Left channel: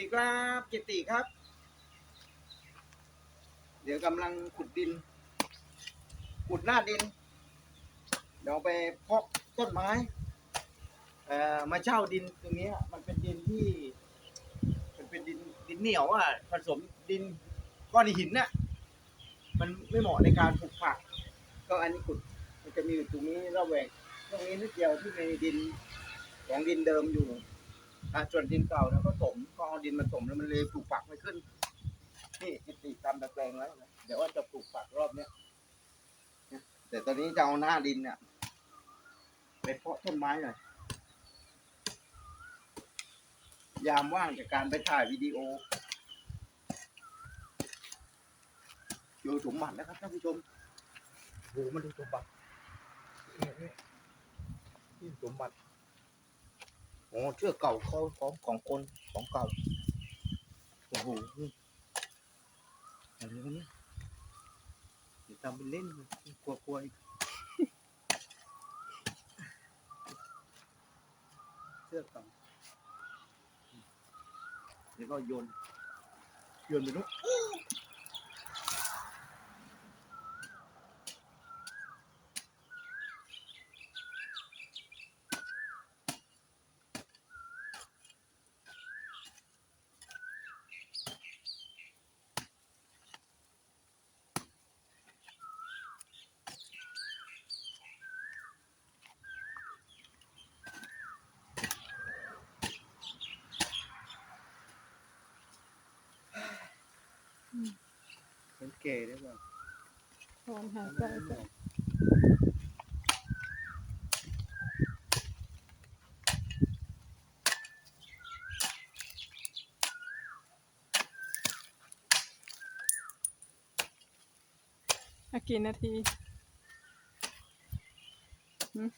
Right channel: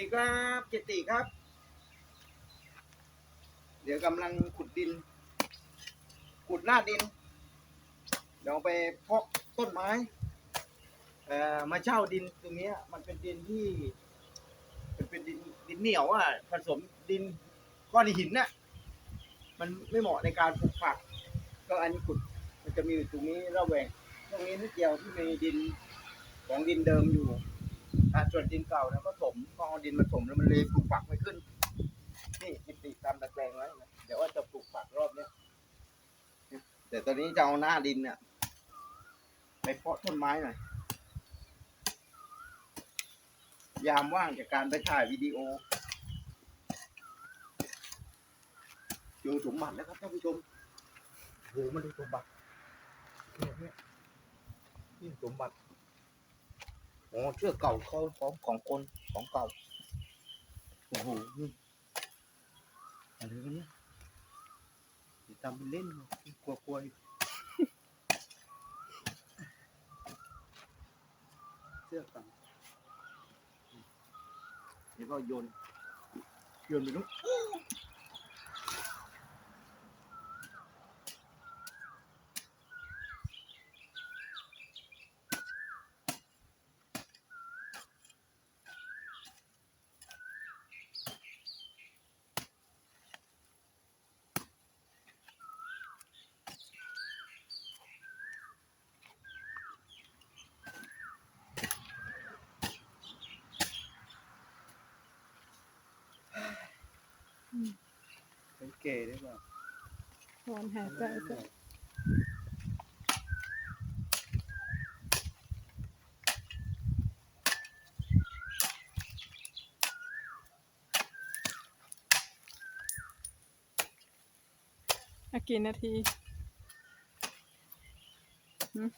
ดีครับเจติครับ เดี๋ยวกำลังขุดดิน ขุดหน้าดิน เดี๋ยวเอาไปเพาะต้นไม้เอ่อมาเช่าดินตรงนี้มันเป็นดินที่มันเป็นดินดินเหนียวอะผสมดินก้อนหินน่ะมันไม่เหมาะในการปลูกผัก ก็อันนี้ขุดมันจะมีอยู่ตรงนี้ระแวงตรงนี้นิดเดียวที่มีดินของดินเดิมอยู่ อะส่วนดินเก่านะก็ถมก็เอาดินมาถมแล้วมันเลยปลูกผักไม่ขึ้น นี่จิติตามตะแกรงไว้นะเดี๋ยวว่าจะปลูกผักรอบเนี้ยแต่ตอนนี้จะเอาหน้าดินเนี่ยไปเพาะต้นไม้หน่อย ยามว่างจากการไปถ่ายวิดีโอเจอสมบัติแล้วครับท่านผู้ชมโหมาดูสมบัติเนี่ยเนี่ยนี่สมบัติ โอ้เชือกเก่าเขาของของคนของเก่าโอ้โหอะไรกันเนี่ยอย่าทำเป็นเล่นกลัวกลัวๆอีกเชือกเก่าเดี๋ยวก็โยนโยนไปนู้น เป็นเก๋ได้เปล่าถอนหายใจจ้ะกี่นาทีหืม